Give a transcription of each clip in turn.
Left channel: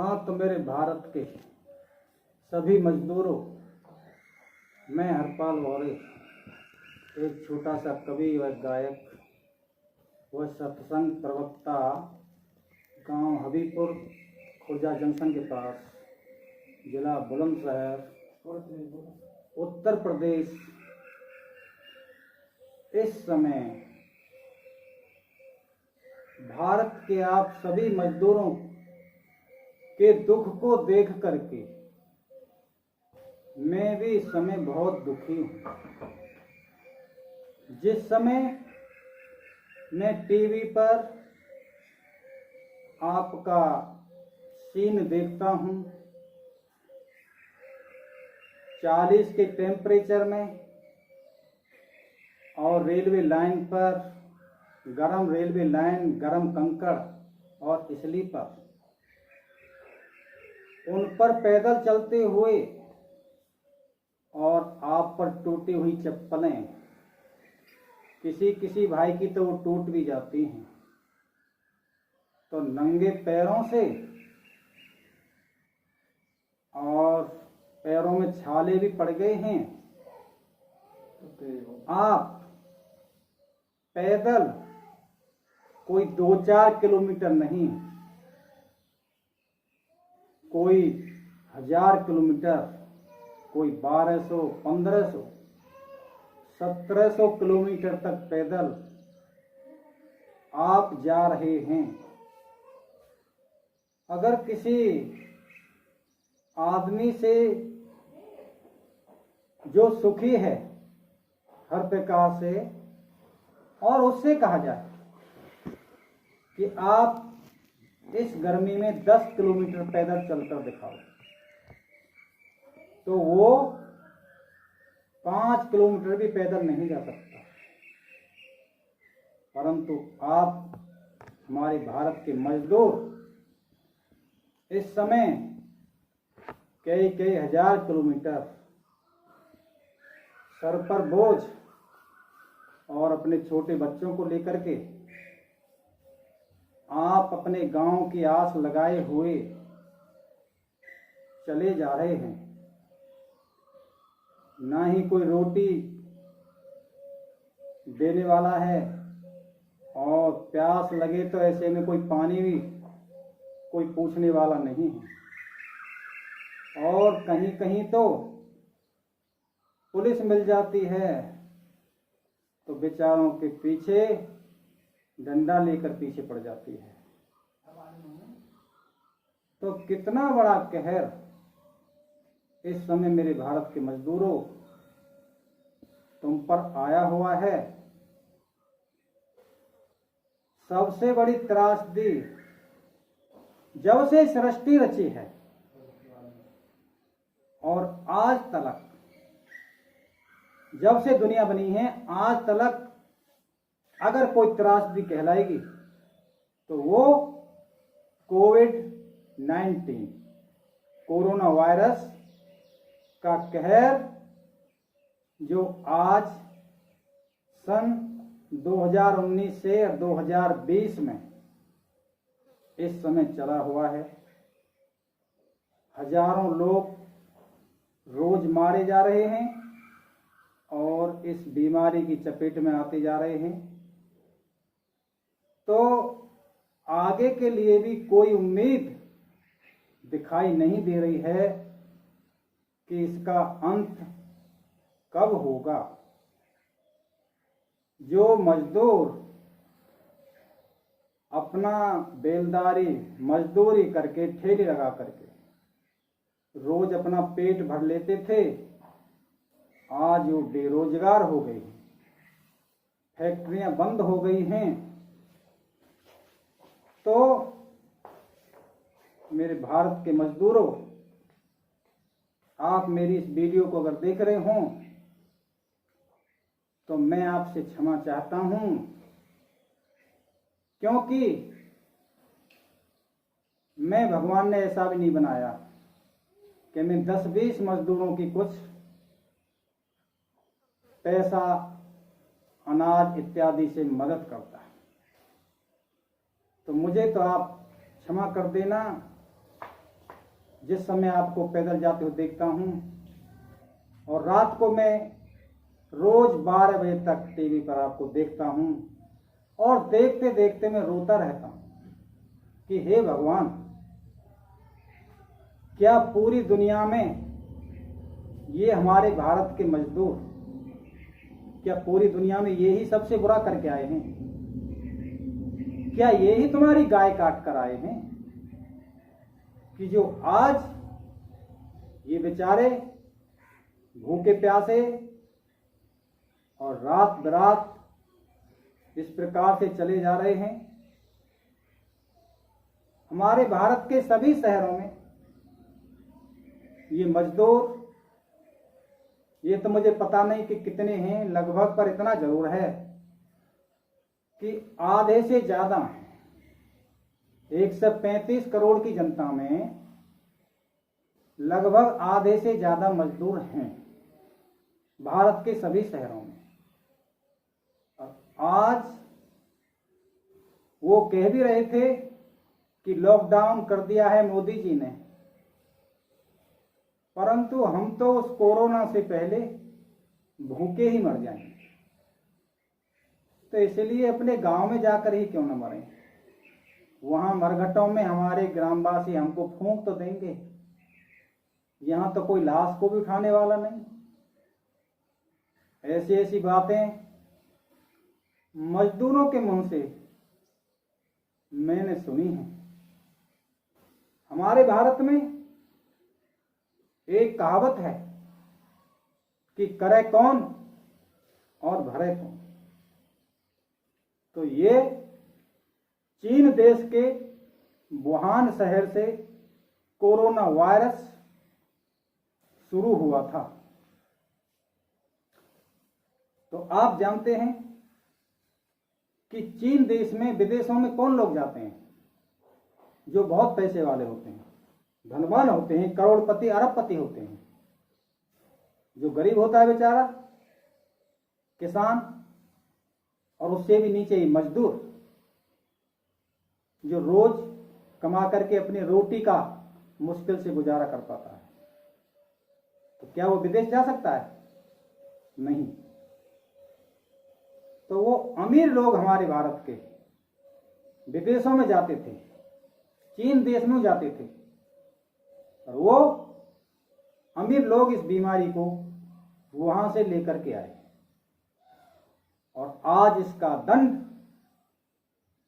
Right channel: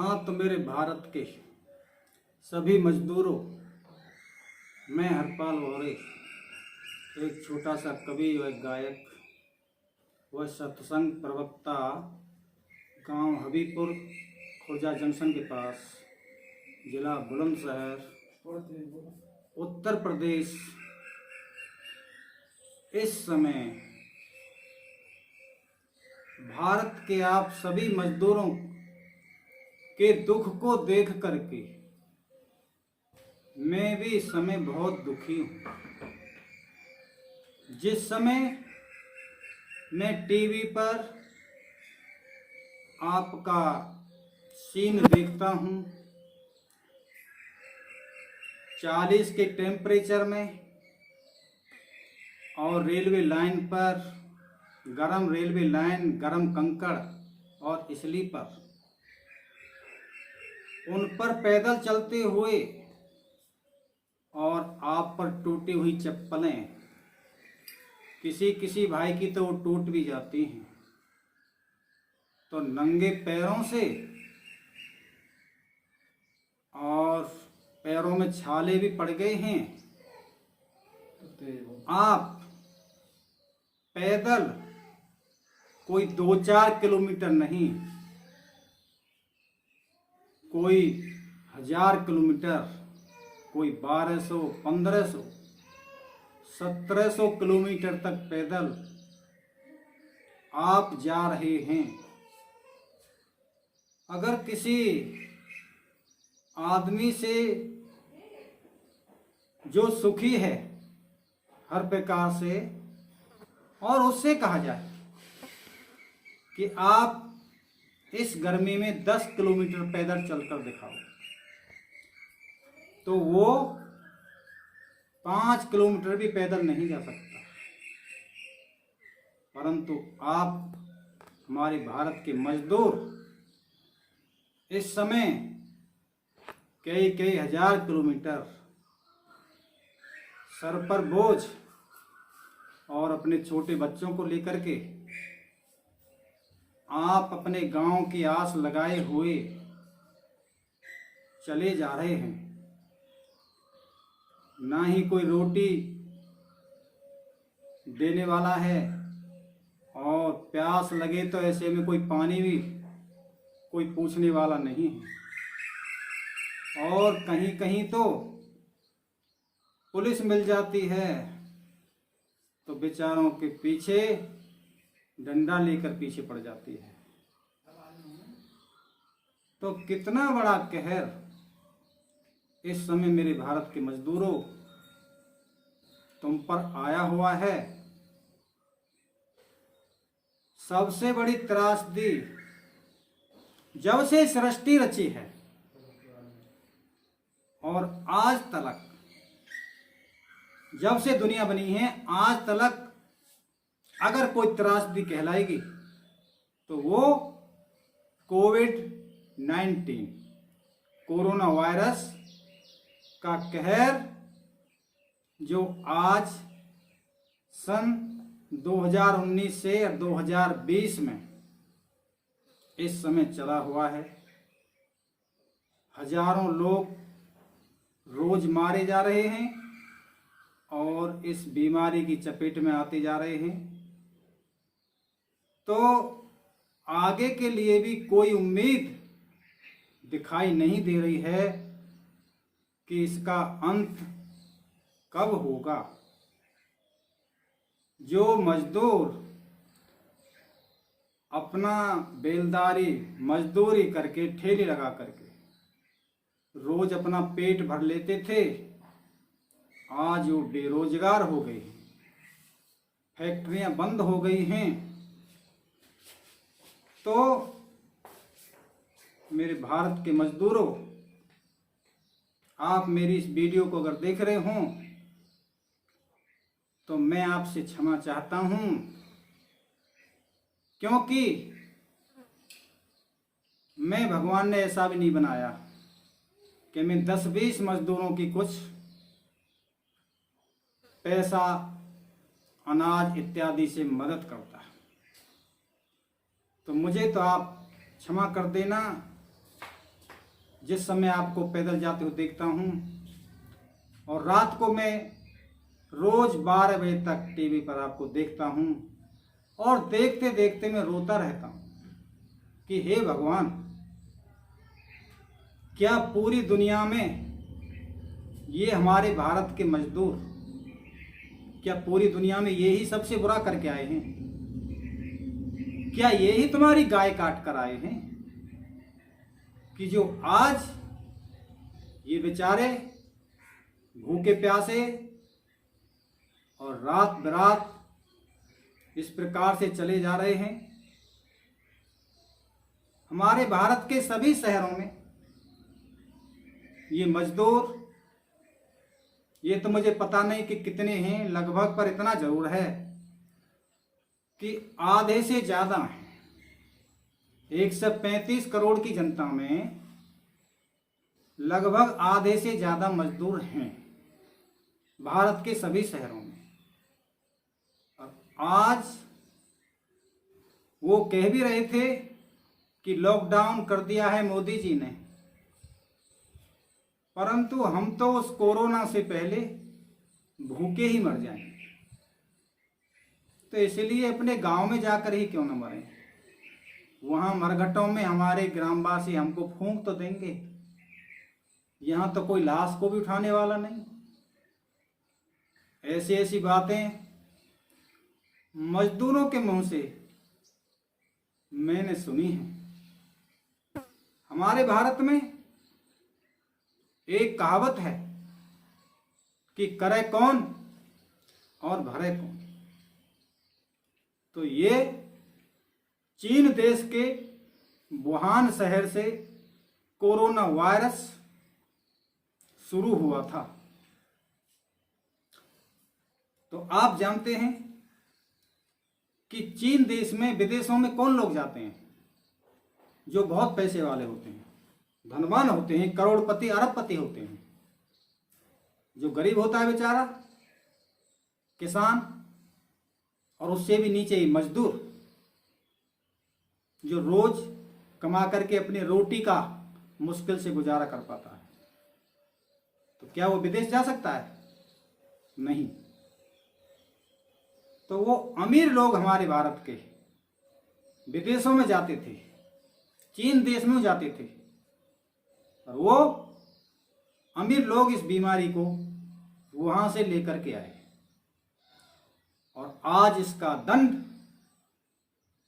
हाँ, तो मेरे भारत के सभी मजदूरों, मैं हरपाल वौरे, एक छोटा सा कवि व गायक व सत्संग प्रवक्ता, गांव हबीपुर, खुर्जा जंक्शन के पास, जिला बुलंदशहर, उत्तर प्रदेश, इस समय भारत के आप सभी मजदूरों के दुख को देख करके मैं भी इस समय बहुत दुखी हूँ। जिस समय मैं टीवी पर आपका सीन देखता हूँ, 40 के टेम्परेचर में, और रेलवे लाइन पर गरम रेलवे लाइन, गरम कंकड़ और स्लीपर, उन पर पैदल चलते हुए, और आप पर टूटी हुई चप्पलें, किसी किसी भाई की तो वो टूट भी जाती हैं, तो नंगे पैरों से, और पैरों में छाले भी पड़ गए हैं, आप पैदल कोई 2-4 किलोमीटर नहीं, कोई 1000 किलोमीटर, कोई 1200, 1500, 1700 किलोमीटर तक पैदल आप जा रहे हैं। अगर किसी आदमी से जो सुखी है हर प्रकार से, और उससे कहा जाए कि आप इस गर्मी में 10 किलोमीटर पैदल चलकर दिखाओ, तो वो 5 किलोमीटर भी पैदल नहीं जा सकता। परंतु आप, हमारे भारत के मजदूर, इस समय कई कई हजार किलोमीटर सर पर बोझ और अपने छोटे बच्चों को लेकर के आप अपने गांव की आस लगाए हुए चले जा रहे हैं। ना ही कोई रोटी देने वाला है, और प्यास लगे तो ऐसे में कोई पानी भी कोई पूछने वाला नहीं है, और कहीं कहीं तो पुलिस मिल जाती है तो बेचारों के पीछे डंडा लेकर पीछे पड़ जाती है। तो कितना बड़ा कहर इस समय मेरे भारत के मजदूरों तुम पर आया हुआ है। सबसे बड़ी त्रासदी जब से सृष्टि रची है और आज तक, जब से दुनिया बनी है आज तक, अगर कोई त्रासदी कहलाएगी तो वो कोविड-19, कोरोना वायरस का कहर, जो आज सन 2019 से 2020 में इस समय चला हुआ है। हजारों लोग रोज मारे जा रहे हैं और इस बीमारी की चपेट में आते जा रहे हैं। तो आगे के लिए भी कोई उम्मीद दिखाई नहीं दे रही है कि इसका अंत कब होगा। जो मजदूर अपना बेलदारी मजदूरी करके, ठेले लगा करके रोज अपना पेट भर लेते थे, आज वो बेरोजगार हो गए हैं, फैक्ट्रियां बंद हो गई हैं। तो मेरे भारत के मजदूरों, आप मेरी इस वीडियो को अगर देख रहे हों तो मैं आपसे क्षमा चाहता हूं, क्योंकि मैं, भगवान ने ऐसा भी नहीं बनाया कि मैं 10-20 मजदूरों की कुछ पैसा, अनाज इत्यादि से मदद करता। तो मुझे तो आप क्षमा कर देना जिस समय आपको पैदल जाते हुए देखता हूँ, और रात को मैं रोज 12 बजे तक टीवी पर आपको देखता हूँ, और देखते देखते मैं रोता रहता हूँ कि हे भगवान, क्या पूरी दुनिया में ये हमारे भारत के मजदूर, क्या पूरी दुनिया में यही सबसे बुरा करके आए हैं? क्या यही तुम्हारी गाय काट कर आए हैं कि जो आज ये बेचारे भूखे प्यासे और रात बरात इस प्रकार से चले जा रहे हैं? हमारे भारत के सभी शहरों में ये मजदूर, ये तो मुझे पता नहीं कि कितने हैं, लगभग पर इतना जरूर है कि आधे से ज़्यादा हैं। 135 करोड़ की जनता में लगभग आधे से ज़्यादा मजदूर हैं भारत के सभी शहरों में। और आज वो कह भी रहे थे कि लॉकडाउन कर दिया है मोदी जी ने, परंतु हम तो उस कोरोना से पहले भूखे ही मर जाएंगे। तो इसलिए अपने गांव में जाकर ही क्यों न मरें, वहां मरघटों में हमारे ग्रामवासी हमको फूंक तो देंगे, यहाँ तो कोई लाश को भी उठाने वाला नहीं। ऐसी ऐसी बातें मजदूरों के मुंह से मैंने सुनी है। हमारे भारत में एक कहावत है कि करे कौन और भरे कौन। तो ये चीन देश के वुहान शहर से कोरोना वायरस शुरू हुआ था। तो आप जानते हैं कि चीन देश में, विदेशों में कौन लोग जाते हैं? जो बहुत पैसे वाले होते हैं, धनवान होते हैं, करोड़पति अरबपति होते हैं। जो गरीब होता है बेचारा, किसान, और उससे भी नीचे ही मजदूर, जो रोज कमा करके अपनी रोटी का मुश्किल से गुजारा कर पाता है, तो क्या वो विदेश जा सकता है? नहीं। तो वो अमीर लोग हमारे भारत के विदेशों में जाते थे, चीन देश में जाते थे, और वो अमीर लोग इस बीमारी को वहां से लेकर के आए, और आज इसका दंड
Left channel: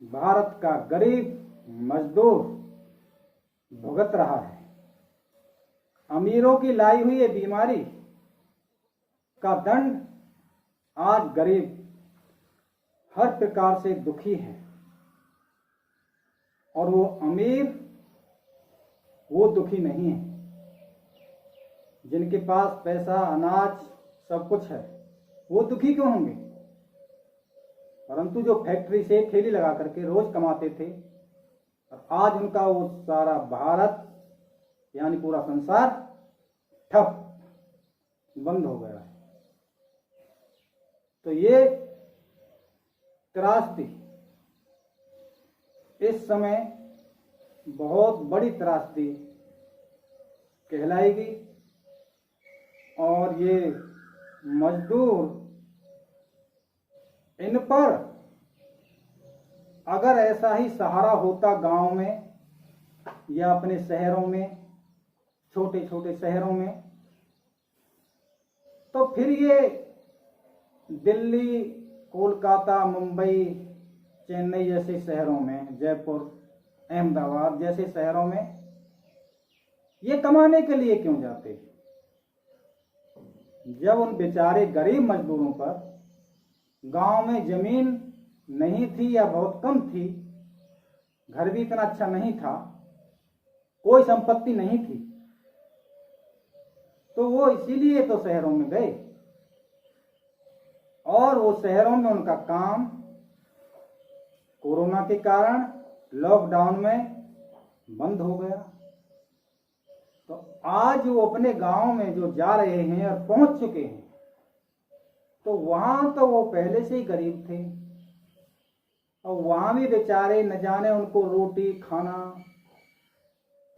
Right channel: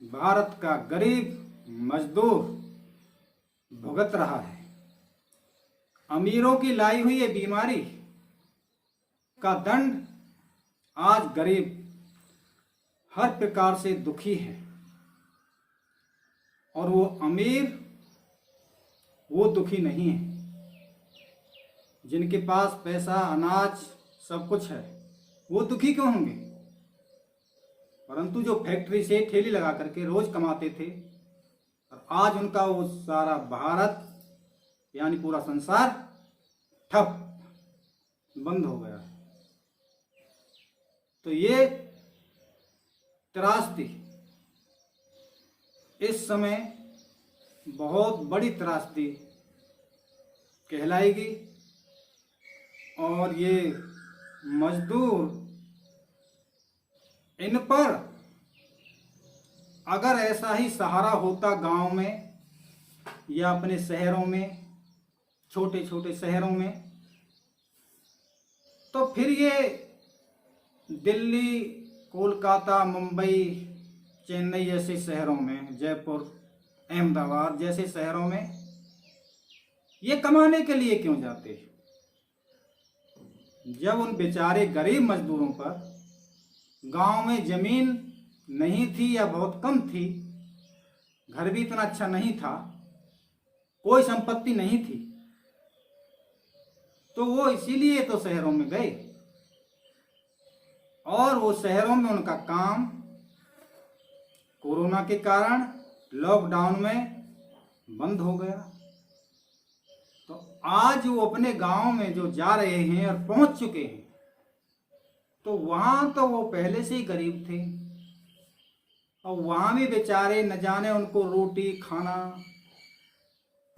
भारत का गरीब मजदूर भुगत रहा है। अमीरों की लाई हुई ये बीमारी का दंड आज गरीब हर प्रकार से दुखी है, और वो अमीर वो दुखी नहीं है। जिनके पास पैसा, अनाज, सब कुछ है, वो दुखी क्यों होंगे? परंतु जो फैक्ट्री से ठेली लगा करके रोज कमाते थे, और आज उनका वो सारा भारत यानी पूरा संसार ठप, बंद हो गया। तो ये त्रासदी इस समय बहुत बड़ी त्रासदी कहलाएगी, और ये मजदूर, इन पर अगर ऐसा ही सहारा होता गांव में या अपने शहरों में, छोटे छोटे शहरों में, तो फिर ये दिल्ली, कोलकाता, मुंबई, चेन्नई जैसे शहरों में, जयपुर, अहमदाबाद जैसे शहरों में ये कमाने के लिए क्यों जाते? जब उन बेचारे गरीब मजदूरों पर गांव में जमीन नहीं थी या बहुत कम थी, घर भी इतना अच्छा नहीं था, कोई संपत्ति नहीं थी, तो वो इसीलिए तो शहरों में गए, और वो शहरों में उनका काम कोरोना के कारण लॉकडाउन में बंद हो गया। तो आज वो अपने गांव में जो जा रहे हैं और पहुंच चुके हैं, तो वहां तो वो पहले से ही गरीब थे, और वहां भी बेचारे न जाने उनको रोटी खाना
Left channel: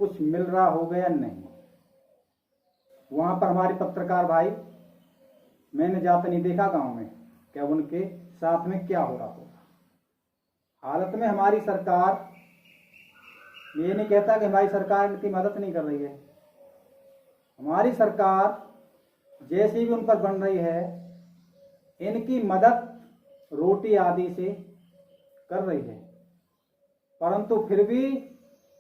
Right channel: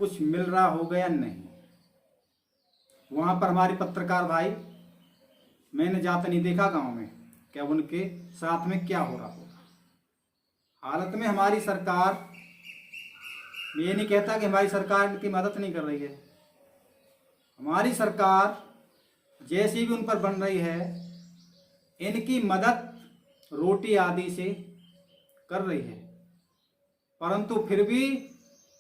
कुछ मिल रहा होगा या नहीं। वहाँ पर हमारे पत्रकार भाई, मैंने जाते नहीं देखा गांव में, क्या उनके साथ में क्या हो रहा होगा। हालत में हमारी सरकार, ये नहीं कहता कि हमारी सरकार इनकी मदद नहीं कर रही है। हमारी सरकार जैसी भी उन पर बन रही है, इनकी मदद रोटी आदि से कर रही है, परंतु फिर भी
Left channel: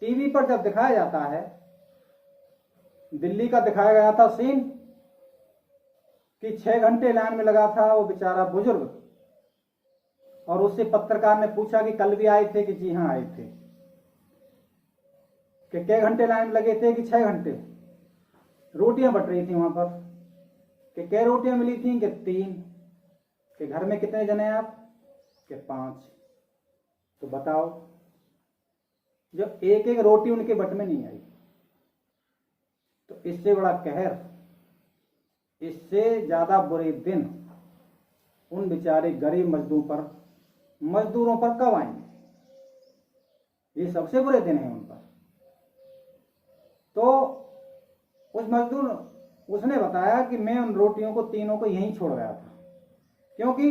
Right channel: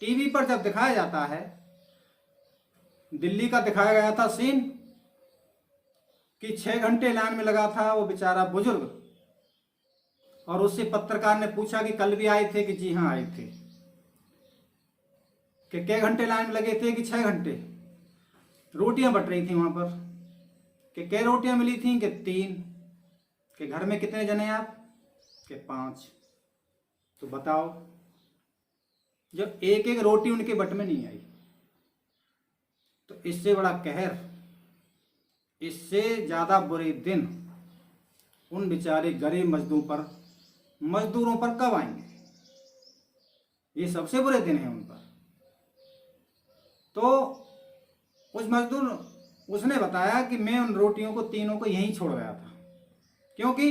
टीवी पर जब दिखाया जाता है, दिल्ली का दिखाया गया था सीन कि 6 घंटे लाइन में लगा था वो बेचारा बुजुर्ग, और उससे पत्रकार ने पूछा कि कल भी आए थे, कि जी हाँ आए थे, कि कै घंटे लाइन में लगे थे, कि 6 घंटे। रोटियां बट रही थी वहां पर, कि कै रोटियां मिली थी, कि 3, कि घर में कितने जने आप, कि 5। तो बताओ, जो एक एक रोटी उनके बट में नहीं आई, तो इससे बड़ा कहर, इससे ज्यादा बुरे दिन उन बेचारे गरीब मजदूरों पर कब आएंगे। ये सबसे बुरे दिन है उन पर। तो उस मजदूर, उसने बताया कि मैं उन रोटियों को तीनों को यहीं छोड़ गया था, क्योंकि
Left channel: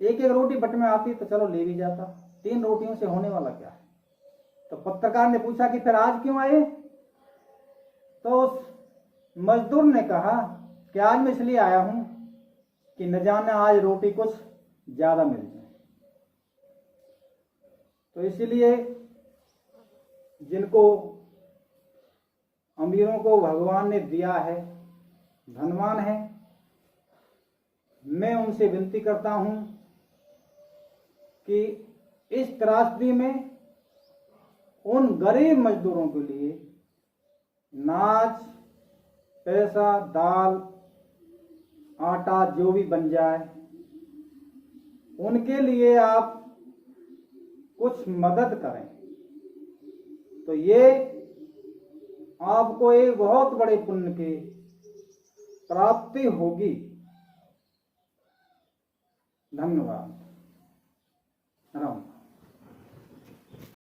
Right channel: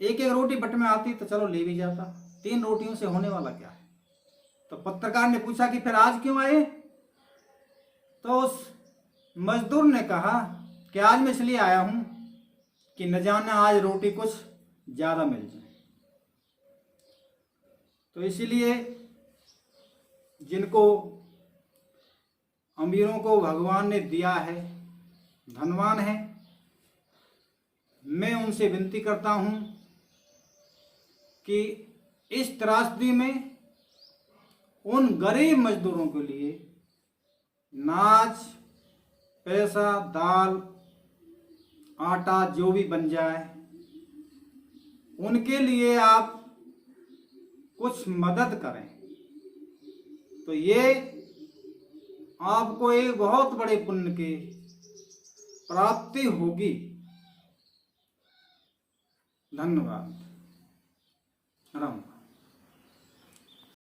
एक एक रोटी बट में आती तो चलो ले भी जाता, 3 रोटियों से होने वाला क्या है। तो पत्रकार ने पूछा कि फिर आज क्यों आए। तो उस मजदूर ने कहा कि आज मैं इसलिए आया हूं कि न जाने आज रोटी कुछ ज्यादा मिल जाए। तो इसीलिए जिनको अमीरों को भगवान ने दिया है, धनवान है, मैं उनसे विनती करता हूं कि इस त्रासदी में उन गरीब मजदूरों के लिए नाच, पैसा, दाल, आटा जो भी बन जाए, उनके लिए आप कुछ मदद करें, तो ये आपको एक बहुत बड़े पुण्य की प्राप्ति होगी। धन्यवाद। राम।